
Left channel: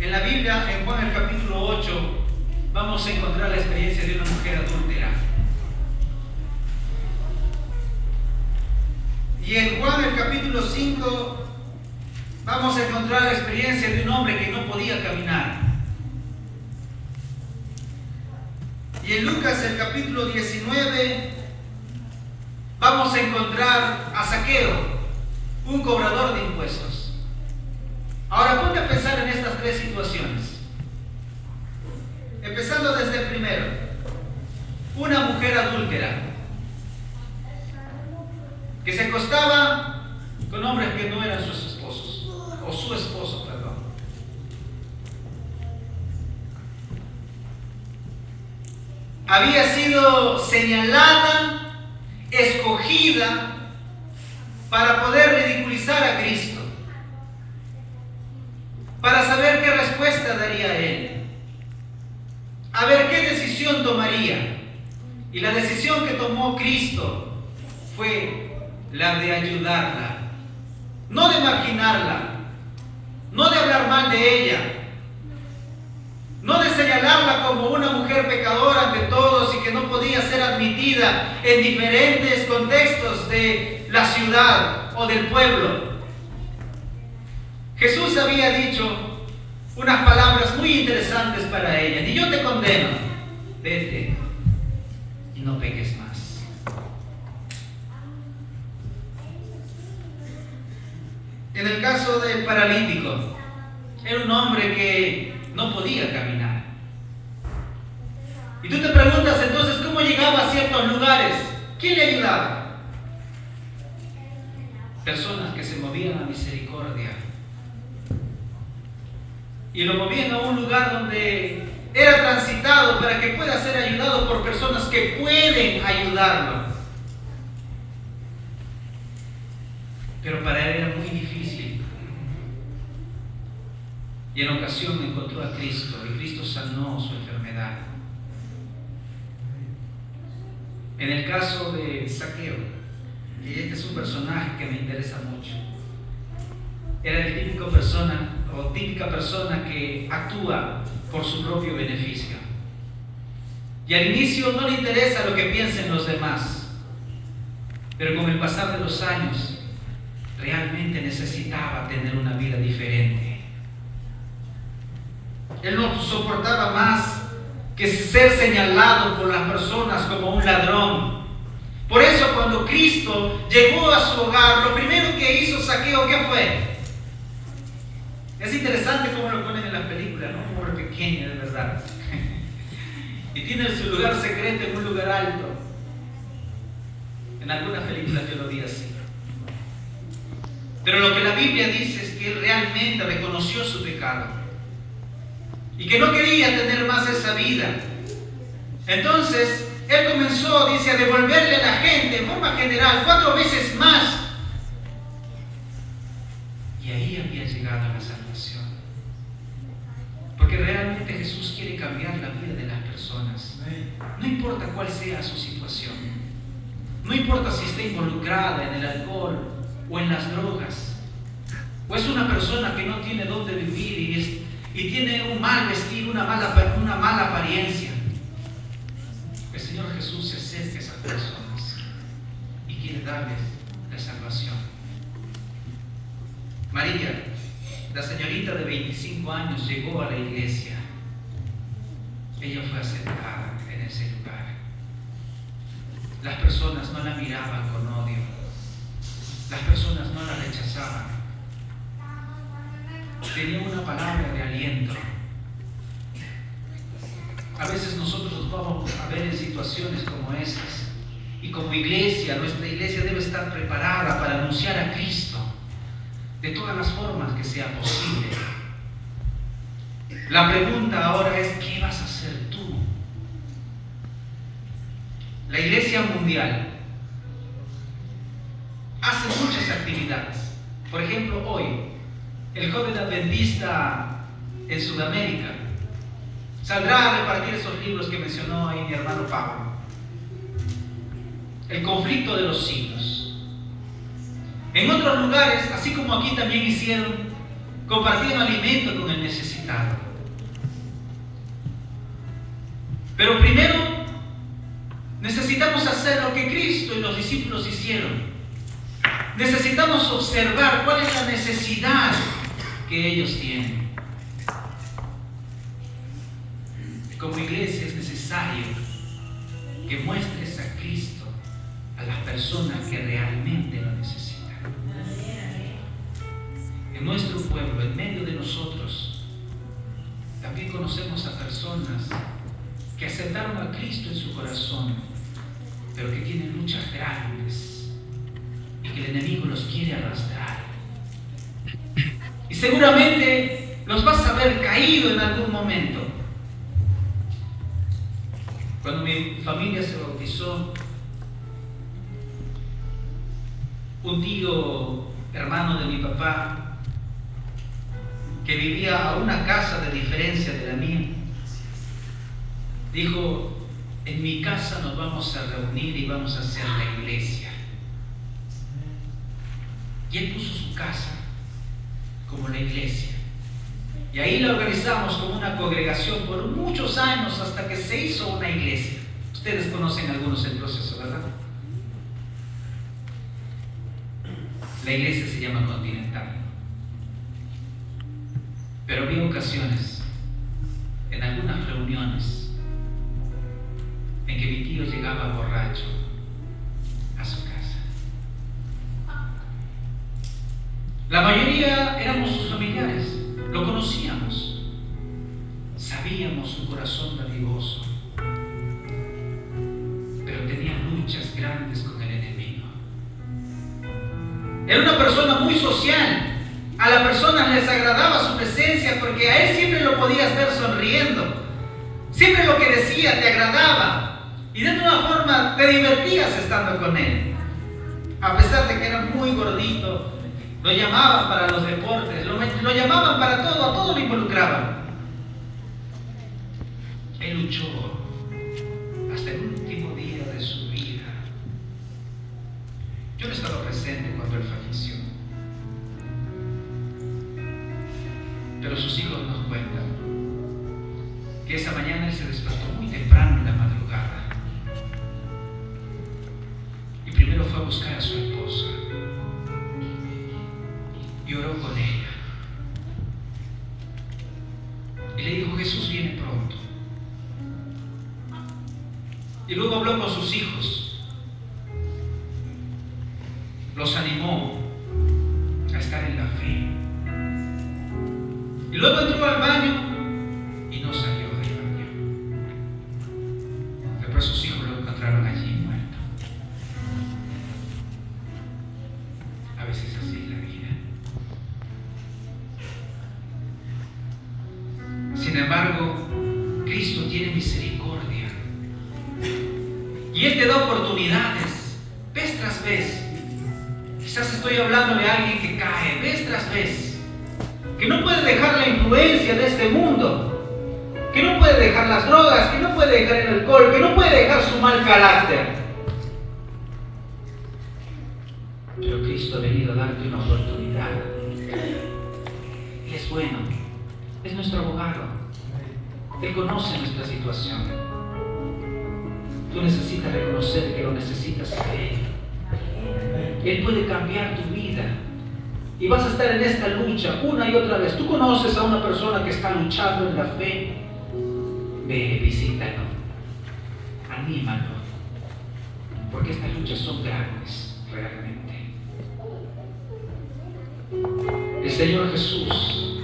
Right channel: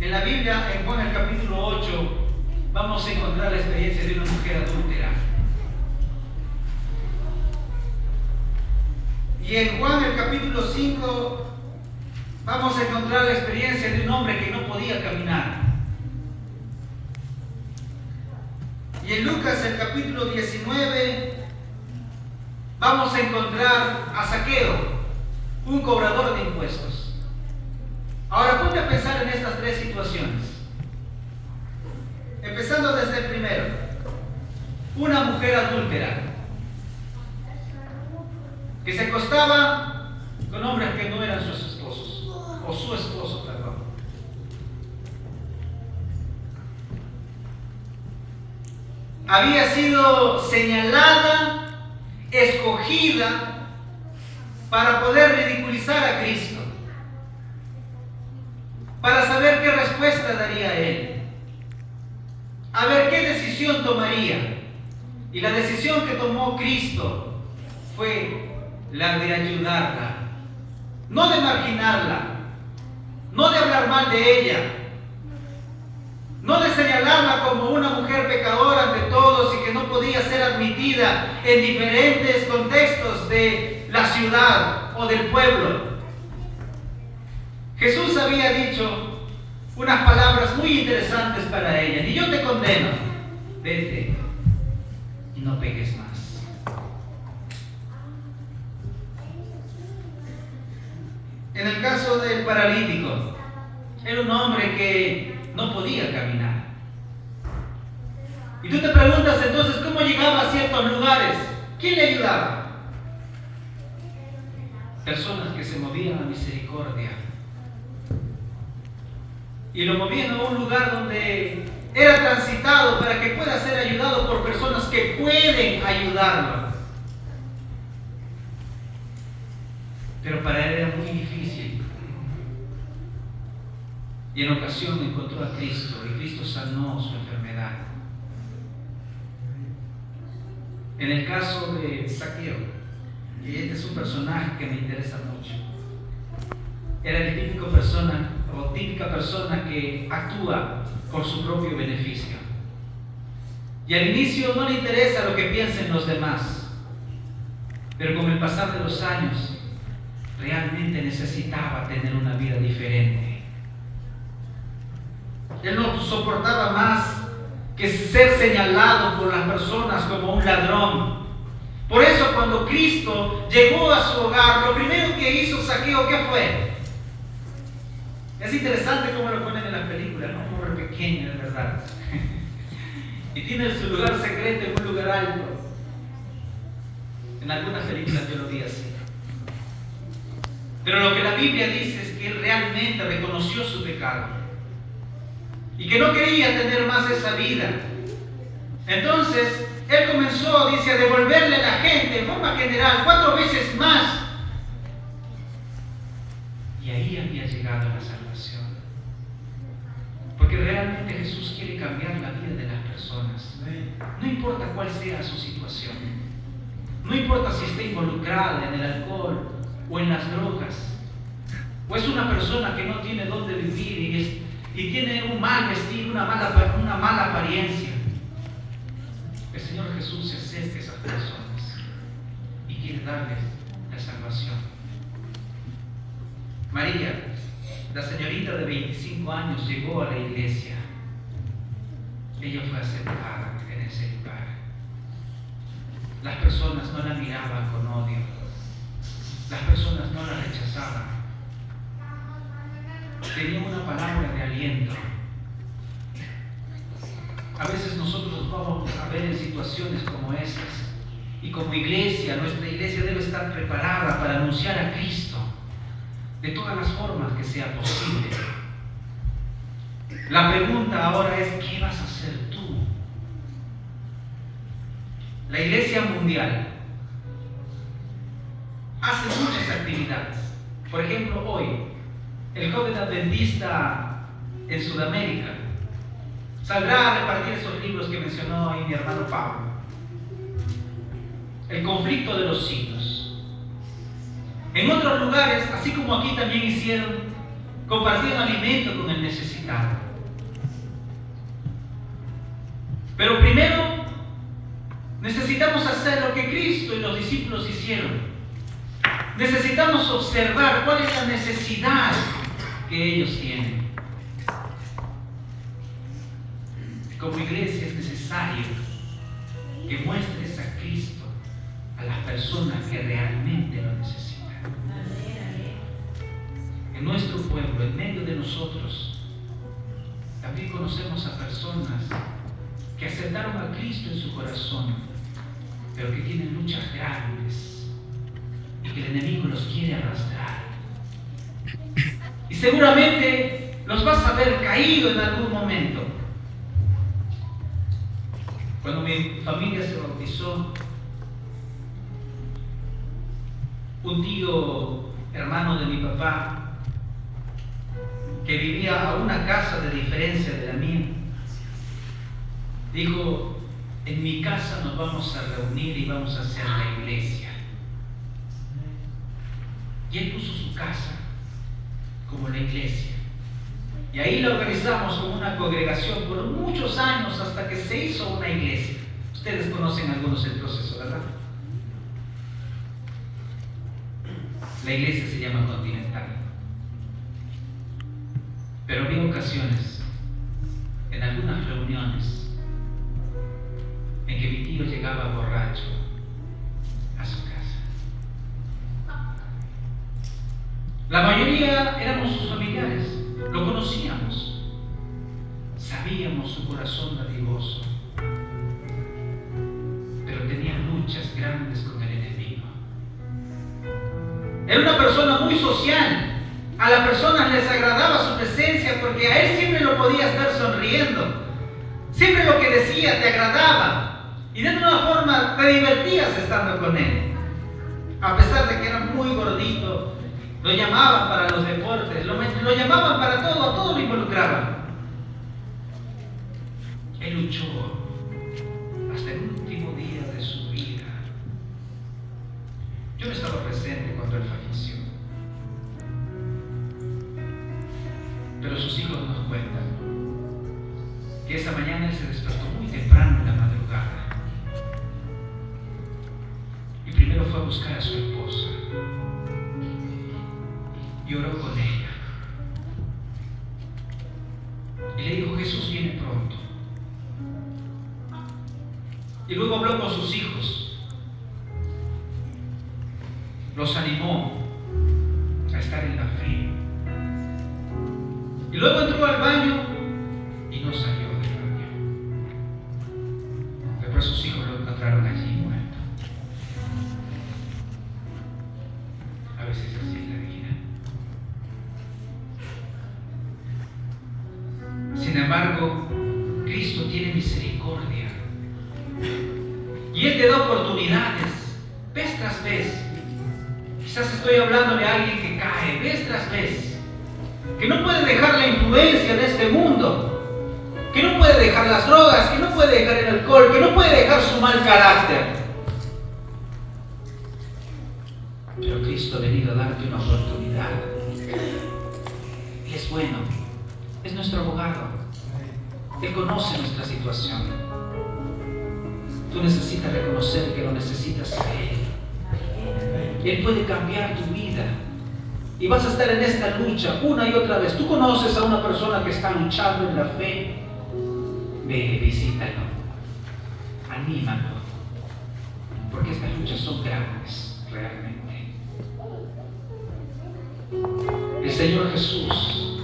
En la Biblia, en Juan el capítulo 8, vamos a encontrar la experiencia de una mujer adúltera. Y en Juan el capítulo 5, vamos a encontrar la experiencia de un hombre que no podía caminar. Y en Lucas el capítulo 19, vamos a encontrar a Zaqueo, un cobrador de impuestos. Ahora ponte a pensar en estas 3 situaciones. Empezando desde el primero. Una mujer adúltera que se acostaba con hombres que no eran sus esposos, o su esposo, perdón. Había sido señalada, escogida para poder ridiculizar a Cristo, para saber qué respuesta daría a Él, a ver qué decisión tomaría. Y la decisión que tomó Cristo fue la de ayudarla, no de marginarla, no de hablar mal de ella, no de señalarla como una mujer pecadora ante todos y que no podía ser admitida en diferentes contextos de la ciudad o del pueblo. Jesús había dicho unas palabras muy interesantes para ella: ni yo te condeno, vete y no peques más. En el caso del paralítico, era un hombre que no podía caminar. Y tú te preguntas entonces, ¿cómo llegaba a ciertos lugares? ¿Quién le ayudaba? Personas que se movían a misericordia. Y lo movían a un lugar donde era transitado para que pueda ser ayudado por personas que pueden ayudarlo. Pero para él era muy difícil. Y en ocasión encontró a Cristo y Cristo sanó su enfermedad. En el caso de Zaqueo, y este es un personaje que me interesa mucho, era el típica persona que actúa por su propio beneficio. Y al inicio no le interesa lo que piensen los demás, pero con el pasar de los años realmente necesitaba tener una vida diferente. Él no soportaba más que ser señalado por las personas como un ladrón. Por eso cuando Cristo llegó a su hogar, lo primero que hizo Zaqueo, ¿qué fue? Es interesante cómo lo ponen en las películas, ¿no? Un hombre pequeño, de verdad. Y tiene su lugar secreto en un lugar alto. En algunas películas yo lo vi así. Pero lo que la Biblia dice es que él realmente reconoció su pecado y que no quería tener más esa vida. Entonces, él comenzó, dice, a devolverle a la gente en forma general 4 veces más. Y ahí había llegado a la salvación. Porque realmente Jesús quiere cambiar la vida de las personas. No importa cuál sea su situación. No importa si está involucrada en el alcohol o en las drogas. O es una persona que no tiene dónde vivir y tiene un mal vestir, una mala apariencia. El Señor Jesús se acerca a esas personas y quiere darles la salvación. María, la señorita de 25 años, llegó a la iglesia. Ella fue aceptada en ese lugar. Las personas no la miraban con odio. Las personas no la rechazaban. Tenía una palabra de aliento. A veces nosotros vamos a ver en situaciones como esas. Y como iglesia, nuestra iglesia debe estar preparada para anunciar a Cristo de todas las formas que sea posible. La pregunta ahora es, ¿qué vas a hacer tú? La Iglesia Mundial hace muchas actividades. Por ejemplo, hoy, el joven adventista en Sudamérica saldrá a repartir esos libros que mencionó ahí mi hermano Pablo. El conflicto de los siglos. En otros lugares, así como aquí también hicieron, compartieron alimento con el necesitado. Pero primero, necesitamos hacer lo que Cristo y los discípulos hicieron. Necesitamos observar cuál es la necesidad que ellos tienen. Como iglesia es necesario que muestres a Cristo a las personas que realmente lo necesitan. En nuestro pueblo, en medio de nosotros, también conocemos a personas que aceptaron a Cristo en su corazón, pero que tienen luchas grandes y que el enemigo los quiere arrastrar. Y seguramente los vas a ver caído en algún momento. Cuando mi familia se bautizó, un tío hermano de mi papá, que vivía a una casa de diferencia de la mía, dijo: en mi casa nos vamos a reunir y vamos a hacer la iglesia. Y él puso su casa como la iglesia. Y ahí la organizamos como una congregación por muchos años hasta que se hizo una iglesia. Ustedes conocen algunos el proceso, ¿verdad? La iglesia se llama Continental. Pero había ocasiones, en algunas reuniones, en que mi tío llegaba borracho a su casa. La mayoría éramos sus familiares, lo conocíamos, sabíamos su corazón dadivoso, pero tenía luchas grandes con el enemigo. Era una persona muy social. A las personas les agradaba su presencia porque a él siempre lo podías ver sonriendo. Siempre lo que decía te agradaba y de alguna forma te divertías estando con él. A pesar de que era muy gordito, lo llamaban para los deportes, lo llamaban para todo, a todo lo involucraban. Él luchó hasta el último día de su vida. Yo no estaba presente cuando él falleció, pero sus hijos nos cuentan que esa mañana él se despertó muy temprano en la madrugada y primero fue a buscar a su esposa y oró con ella y le dijo: Jesús viene pronto. Y luego habló con sus hijos, los animó a estar en la fe. Y luego entró al baño y no salió del baño. Después sus hijos lo encontraron allí muerto. A veces así es la vida. Sin embargo, Cristo tiene misericordia. Y Él te da oportunidades, vez tras vez. Quizás estoy hablándole a alguien que cae, vez tras vez. Que no puede dejar la influencia de este mundo, que no puede dejar las drogas, que no puede dejar el alcohol, que no puede dejar su mal carácter. Pero Cristo ha venido a darte una oportunidad. Y es bueno, es nuestro abogado. Él conoce nuestra situación. Tú necesitas reconocer que lo necesitas a Él. Él puede cambiar tu vida. y vas a estar en esta lucha una y otra vez. Tú conoces a una persona que está luchando en la fe, ve, visítalo, anímalo, porque estas luchas son grandes, realmente. El Señor Jesús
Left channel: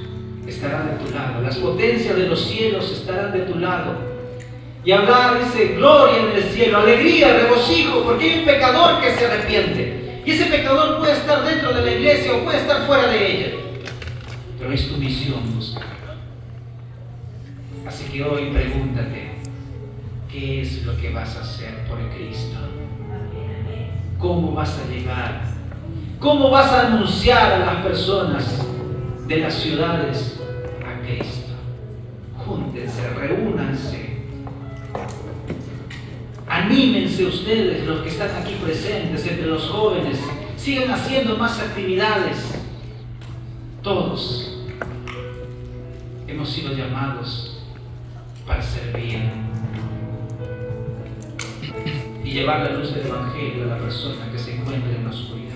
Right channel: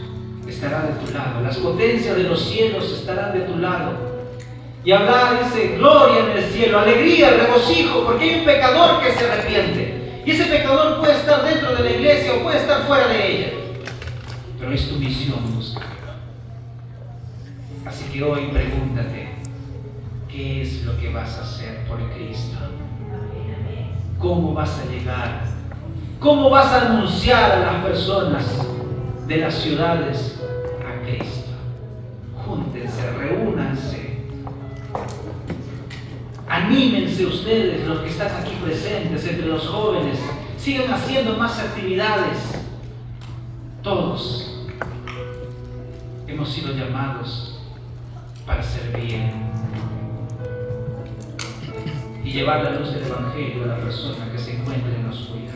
estará de tu lado, las potencias de los cielos estarán de tu lado, y habrá, dice, gloria en el cielo, alegría, regocijo, porque hay un pecador que se arrepiente, y ese pecador puede estar dentro de la iglesia o puede estar fuera de ella, pero es tu misión buscarlo. Así que hoy pregúntate, ¿qué es lo que vas a hacer por Cristo? ¿Cómo vas a llegar? ¿Cómo vas a anunciar a las personas de las ciudades a Cristo? Júntense, reúnanse, anímense ustedes, los que están aquí presentes, entre los jóvenes, sigan haciendo más actividades. Todos hemos sido llamados para servir y llevar la luz del Evangelio a la persona que se encuentra en la oscuridad.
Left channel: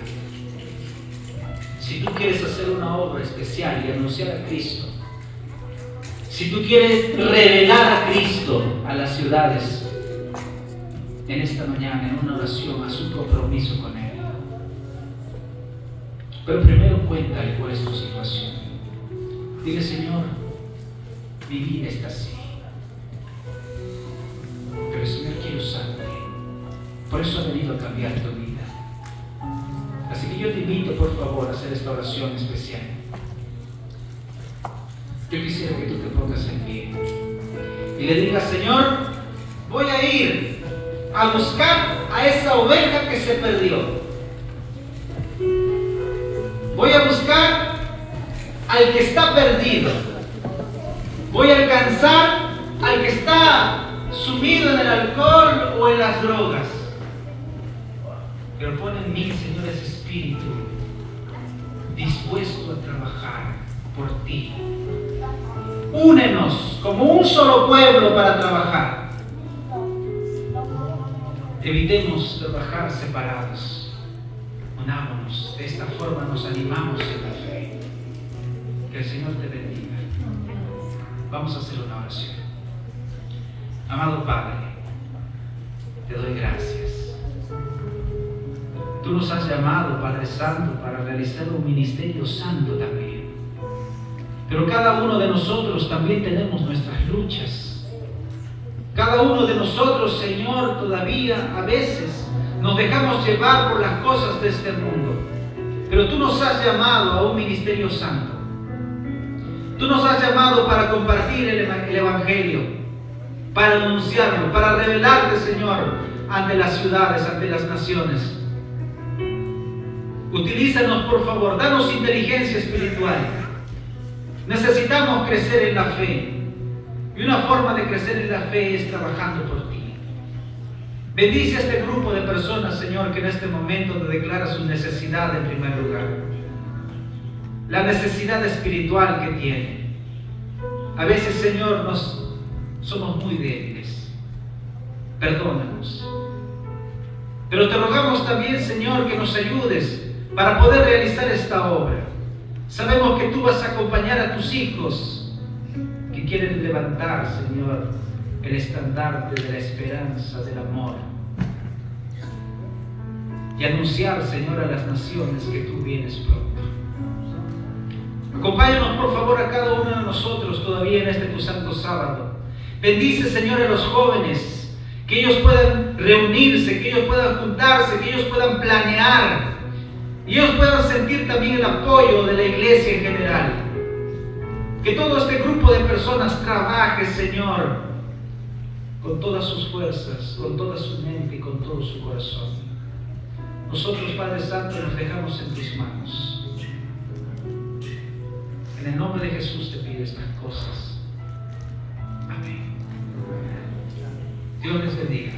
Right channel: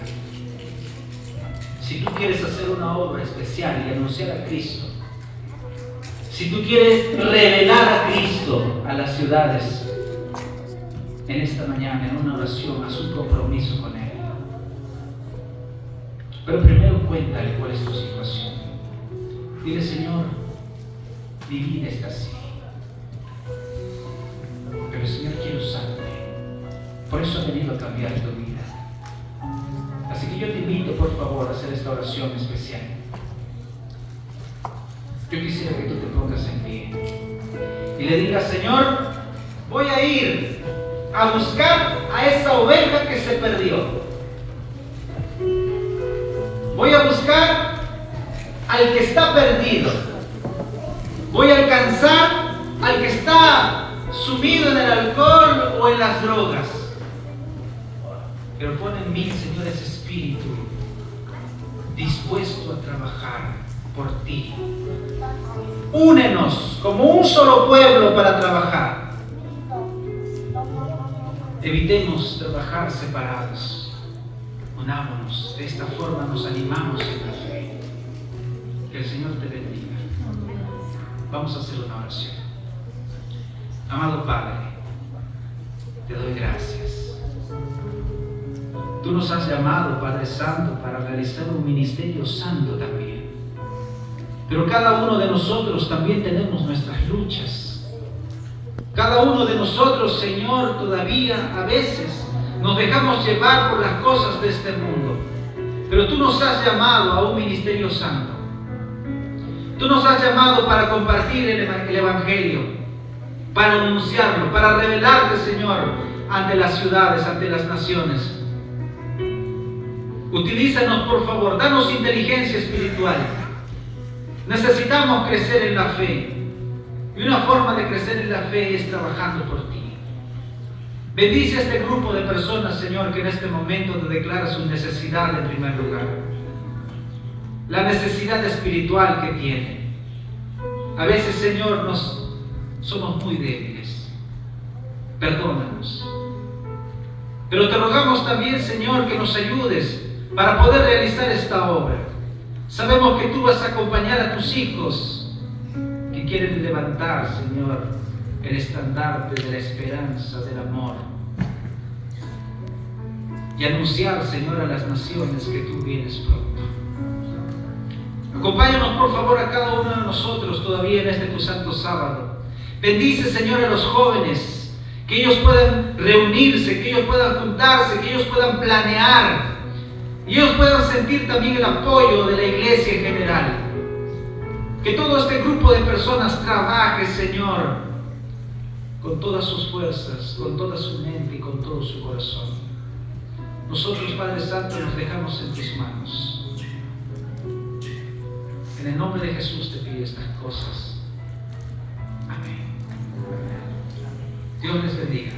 Si tú quieres hacer una obra especial y anunciar a Cristo, si tú quieres revelar a Cristo a las ciudades, en esta mañana, en una oración, haz un compromiso con Él. Pero primero cuéntale cuál es tu situación. Dile, Señor, mi vida está así, pero el Señor quiere usarte. Por eso he venido a cambiar tu vida. Así que yo te invito, por favor, a hacer esta oración especial. Yo quisiera que tú te pongas en pie y le digas, Señor, voy a ir a buscar a esa oveja que se perdió. Voy a buscar al que está perdido. Voy a alcanzar al que está sumido en el alcohol o en las drogas. Pero pon en mí, Señor, ese espíritu dispuesto a trabajar por ti. Únenos como un solo pueblo para trabajar. Evitemos trabajar separados. Unámonos. De esta forma nos animamos en la fe. Que el Señor te bendiga. Vamos a hacer una oración. Amado Padre, te doy gracias. Tú nos has llamado, Padre Santo, para realizar un ministerio santo también. Pero cada uno de nosotros también tenemos nuestras luchas. Cada uno de nosotros, Señor, todavía a veces nos dejamos llevar por las cosas de este mundo. Pero tú nos has llamado a un ministerio santo. Tú nos has llamado para compartir el Evangelio, para anunciarlo, para revelarte, Señor, ante las ciudades, ante las naciones. Utilízanos, por favor, danos inteligencia espiritual. Necesitamos crecer en la fe. Y una forma de crecer en la fe es trabajando por ti. Bendice a este grupo de personas, Señor, que en este momento te declara su necesidad en primer lugar. La necesidad espiritual que tiene. A veces, Señor, somos muy débiles. Perdónanos. Pero te rogamos también, Señor, que nos ayudes para poder realizar esta obra. Sabemos que tú vas a acompañar a tus hijos que quieren levantar, Señor, el estandarte de la esperanza, del amor, y anunciar, Señor, a las naciones que tú vienes pronto. Acompáñanos, por favor, a cada uno de nosotros todavía en este tu santo sábado. Bendice, Señor, a los jóvenes, que ellos puedan reunirse, que ellos puedan juntarse, que ellos puedan planear, y ellos puedan sentir también el apoyo de la iglesia en general. Que todo este grupo de personas trabaje, Señor, con todas sus fuerzas, con toda su mente y con todo su corazón. Nosotros, Padre Santo, nos dejamos en tus manos. En el nombre de Jesús te pido estas cosas. Amén. Dios les bendiga.